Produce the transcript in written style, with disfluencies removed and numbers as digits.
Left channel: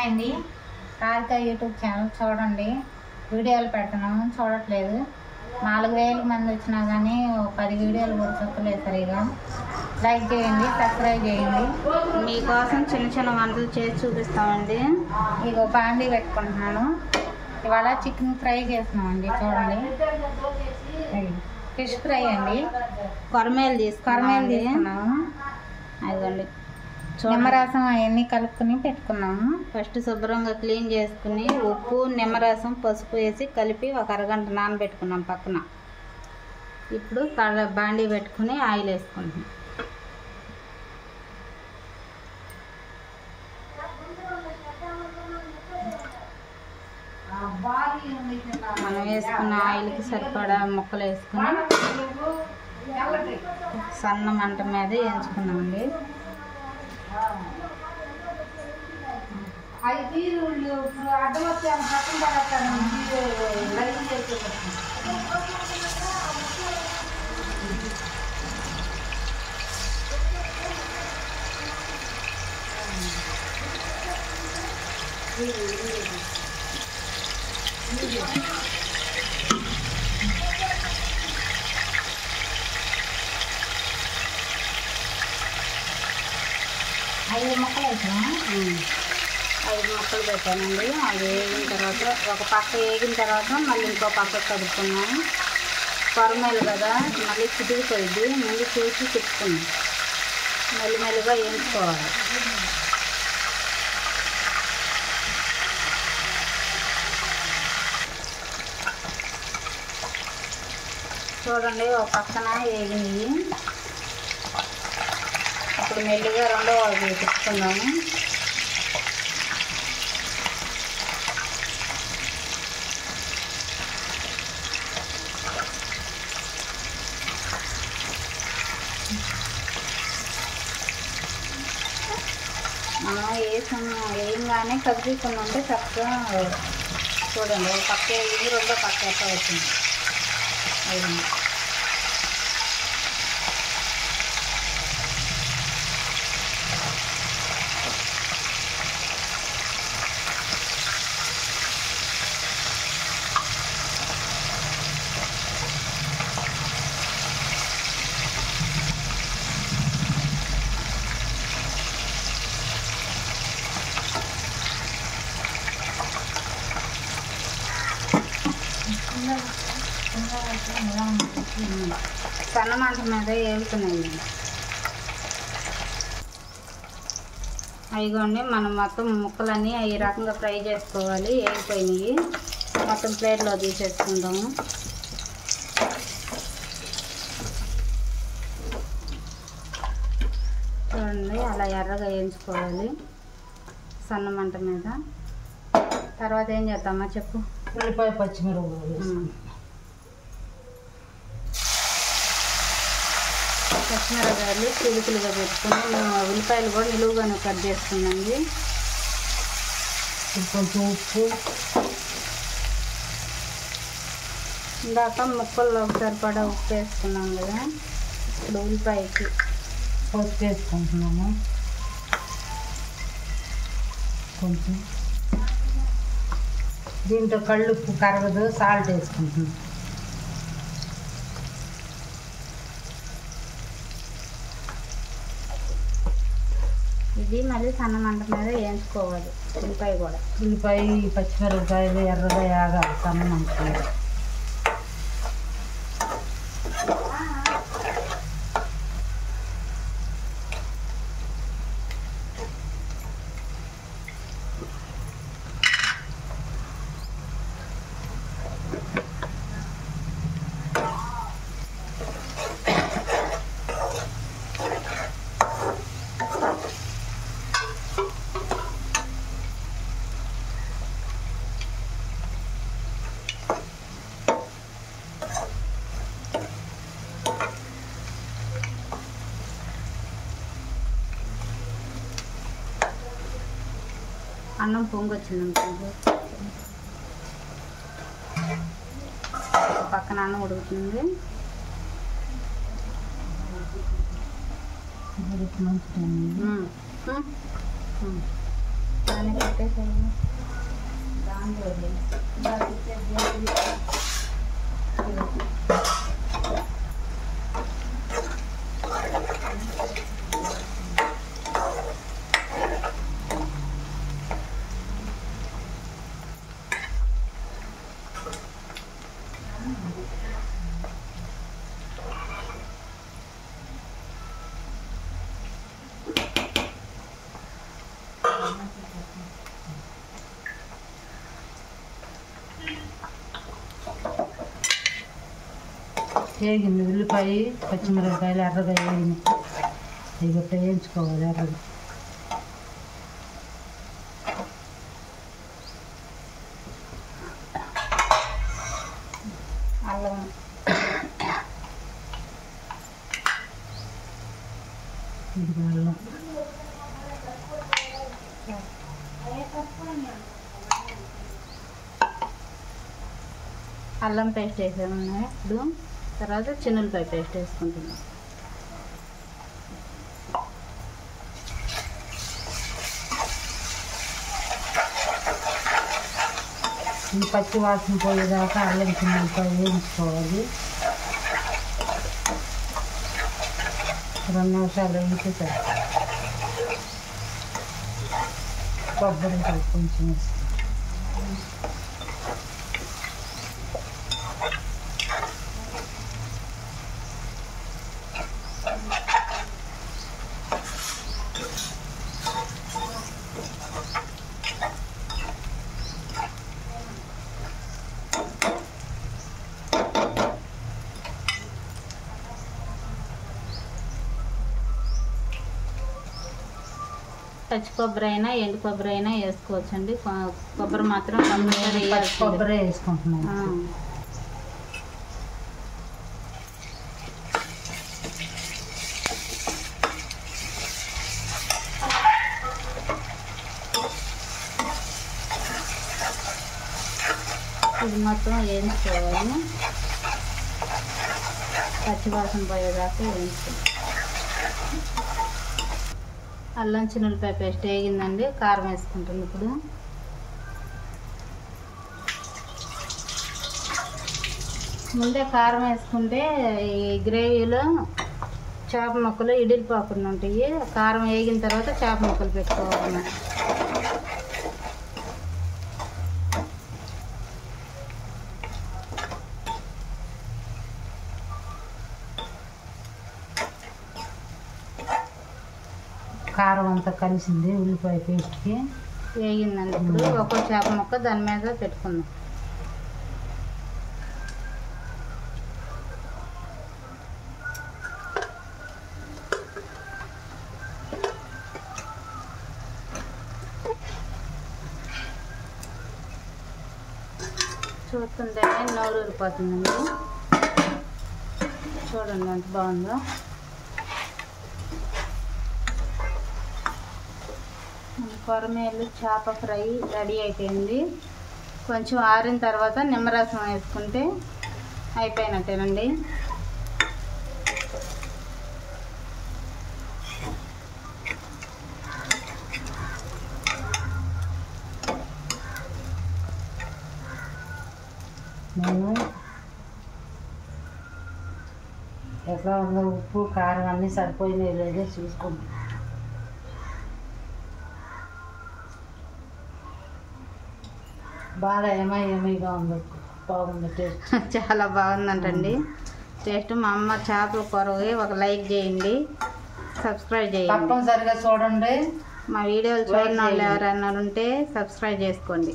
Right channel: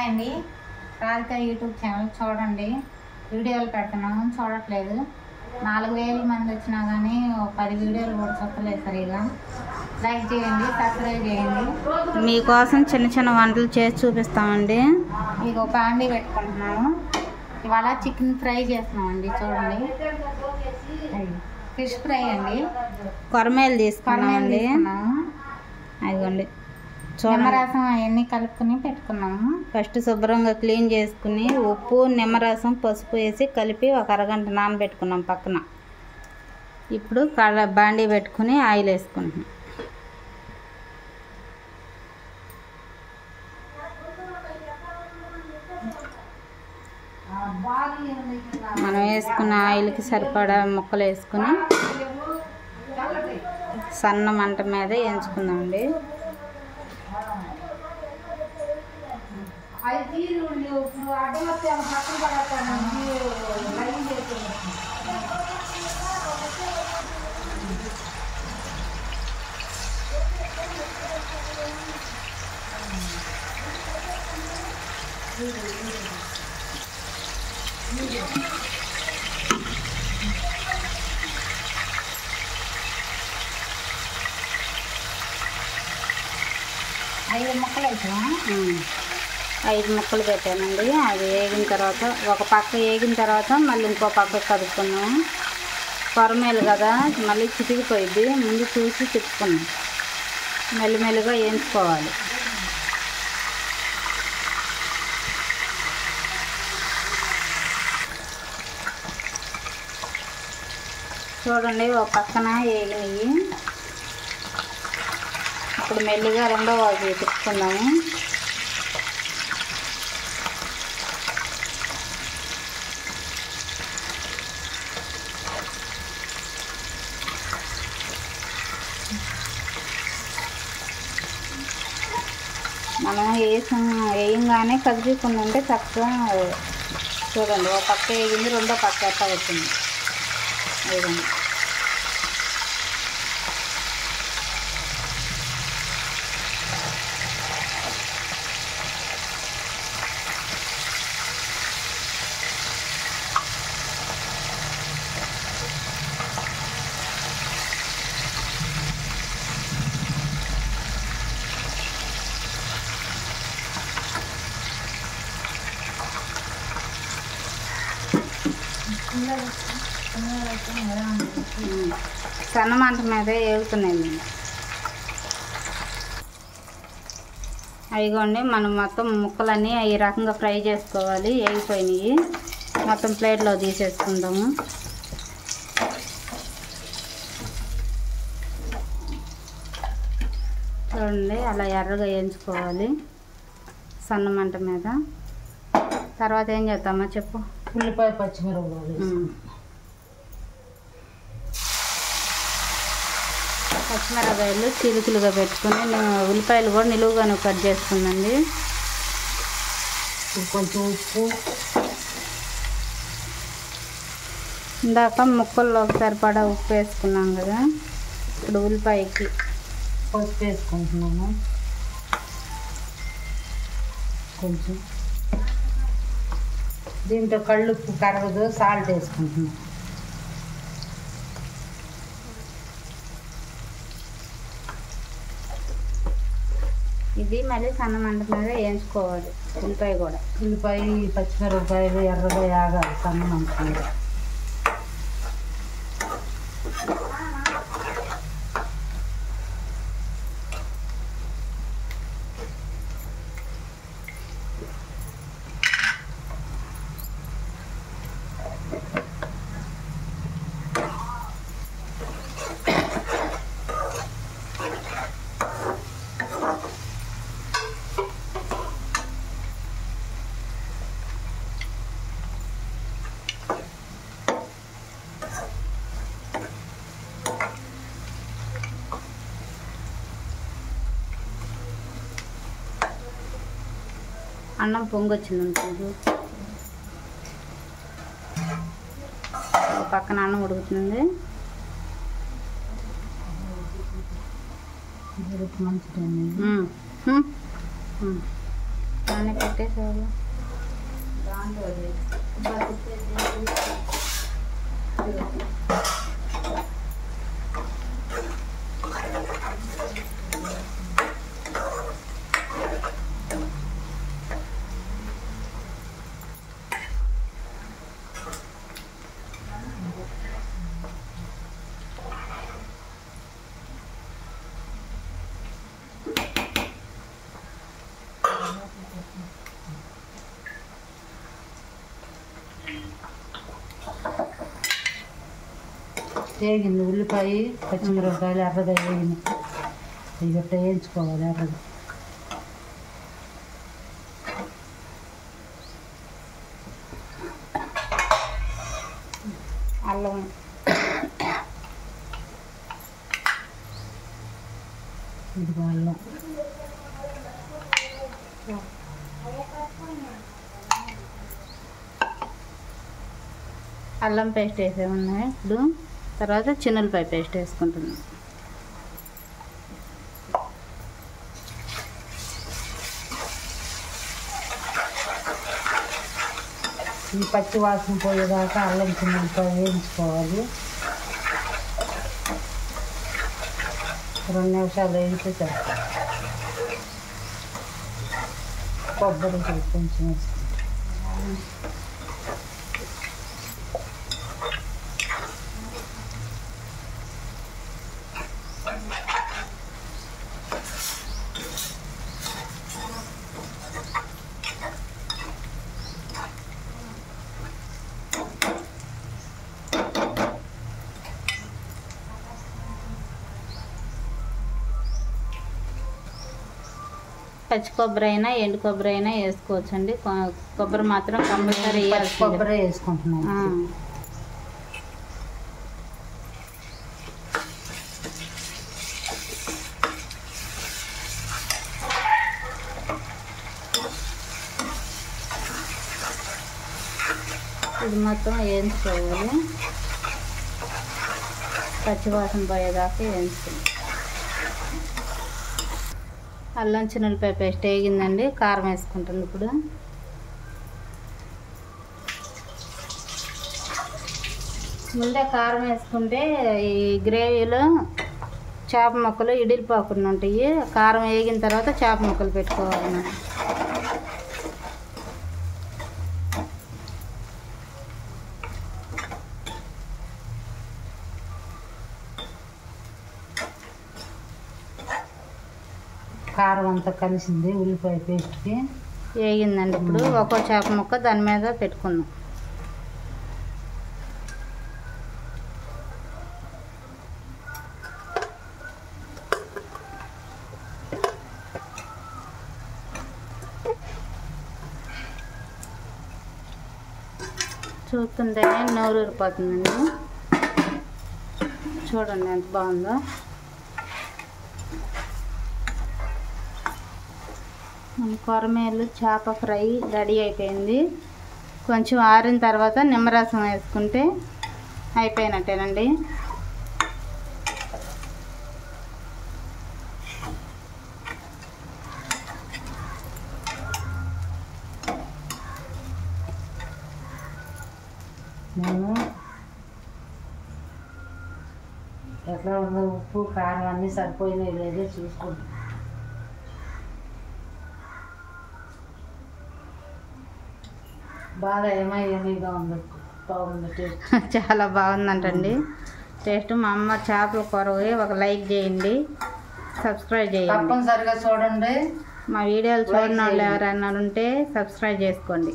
Hi అండి, Radhika YouTube channel చూడండి. వీడియోలు పెడుతున్నాము, చూడట్లేదు. 4000 మంది వచ్చినా కానీ 10 వీడియోలు కూడా చూడలేదు సరిగా. లైక్ చేయండి, సబ్స్క్రైబ్ చేయండి. మీకోసం చిన్న చిన్న వంటలు చేసి చూపిస్తామండి. ఇక బాండీ పెట్టుకుంటున్నాను. ఇవాళ చికెన్ ఫ్రై చేస్తున్నామండి. చూడండి, ఫిష్ ఫ్రై అండి. కొరమేలు తీసుకున్నాము. అదిగోండి, నిమ్మరసం అవన్నీ కలుపుకుని పెట్టుకున్నాము. ఫస్ట్ శుభ్రంగా క్లీన్ చేసుకుని ఉప్పు, నిమ్మరసం, పసుపు వేసి కలిపి ఒక అరగంట నానబెట్టుకున్నాం పక్కన. ఇప్పుడు బాండీ పెట్టుకుని ఆయిల్ వేసుకుంటున్నాం. మనం వేసుకున్న ఆయిల్కి సరిపడా ముక్కలు వేసుకుని సన్న మంట మీద వేయించుకుందామండి. ఐదు ముక్కలు పెట్టానండి. అది వేగిన తర్వాత ఒక పక్క వేగిన తర్వాత మళ్ళీ ఇంకో పక్క కదుపుకున్నాము. కొరమేలు కదా, మళ్ళీ చితికిపోయింది. ముందు చూసి తిప్పుకున్నాం. మెల్లిమెల్లిగా వేయించుకోవాలి. చూడండి, ఒక పక్కన వేగినవి. ఇప్పుడు మెల్లిగా రెండో వాటిని తిప్పుకున్నాము. మనం వేయంగానే కదిపకుండా ఉంటే తక్కువ. చూడండి, ఒక పక్క వేగింది, రెండో పక్క ఎట్లా వచ్చింది. వేయండి. సన్న మంట మీద వేగుతున్నాయి. అవిగోండి, మనం మొత్తం ముక్కలన్నీ ఈ రకంగా ఫ్రై చేసుకోవాలి. వేగిపోయినాయి. మొత్తం ప్లేట్లో తీసేసుకుందాము. చూడండి, అలా ఎర్రగా వేయించుకోవాలి సన్న మంట మీద. తర్వాత ఏం చేద్దామా చెప్పు. ఉల్లిపాయ, పచ్చిమిరపకాయలు చిలుకలుగా పెట్టుకుని ఉల్లిపాయలు కూడా నిలువుగాను కట్ చేసుకుందండి. కొంచెం ఉప్పు, ఇందాక ముక్కల్లో సరిపడా ఉప్పు వేసుకున్నాం కదా. ఇప్పుడు ఉల్లిపాయకి పసుపు వేసుకుంటున్నాము. కొంచెం దీంట్లో కళ్ళుప్పు కరగదు, సాల్ట్ వేసుకుంటున్నాం. ఇది మళ్ళీ సన్న మంట మీద వేయించుకోవాలి. ఉల్లిపాయ కూడా, ఉల్లిపాయ, పచ్చిమిరపకాయలు ఎర్రగా వేగాలి సన్న మంట మీద. అన్నం పొంగొచ్చిందనుకోండి, పక్కన అన్నం ఉడుకుతుంది. మంచిదండి. దాన్ని పెట్టేసేది. వేగింది ఉల్లిపాయ పచ్చిమిరపకాయలు ఎర్రగా వేగింది. ఇవి గట్ట వేయించుకోవాలి ఎర్రగా. అల్లం ఇది అల్లం అల్లం పేస్ట్ వేసాము. ఇప్పుడు తర్వాత చిన్నులపాయ పేస్ట్ వేసుకుంటున్నాం. ఈ పచ్చి వాసన పోయేదాకా అల్లం చిన్నపాయ వేయించుకోవాలి. 2 నిమిషాలు వేగితే చాలు. కొబ్బరి కొంచెం వేస్తాం. పచ్చి కొబ్బరి అయినా ఎండు కొబ్బరి అయినా వేసుకోవచ్చండి. కొబ్బరి మాత్రం కంపల్సరీ పచ్చి కొబ్బరి వేసుకుంటున్నాను. ఇది మొత్తం వేయించుకోవాలి. పచ్చివాసన పోయేదాకా వేయించుకోవాలి. అల్లం చిన్నులపాయ పేస్ట్ వేగిందండి. కారం వేసుకుంటుంది. ఇప్పుడు ముందే కారం వేసుకుంటే ఈ గ్రేవీలో చేప ముక్కలు ఇడిలిపోకుండా ఉంటాయి. కారం వేగిన తర్వాత చేప ముక్కలు పెట్టుకోవాలి మనం. కారం అంతా కలిసింది ఉల్లిపాయ పేస్ట్కి. వేగిందండి. ఇప్పుడు ఒక్కో చేప ముక్క దాని మీద పెట్టుకుందాం. చూస్తుంటేనే నోరు ఊరిపోతుందండి. చూడండి ఎంత బాగుందో. కొరమేలు చేప ఫ్రై రెడీ అయిపోయింది. కొంచెం ఆరిన తర్వాత నిమ్మరసం వేసుకుంటే అయిపోయినట్టేనండి. నేను ఎట్లా ఉందో ఉప్పు కారం అన్నీ సరిపోయినాయి లేదో చూసుకుంటాను. బాగా ఏమైగా ఉంది. బాగుంది టేస్ట్. చాలా బాగుందంటండి టేస్ట్. మా అమ్మ చేపల కూరవి ఒక లైక్ చేయండి, సబ్స్క్రైబ్ చేయండి. తప్పనిసరిగా చూడండి. మా వీడియోలు చూడని వాళ్ళు ఎవరైనా ఉంటే సబ్స్క్రైబ్ చేసుకోండి.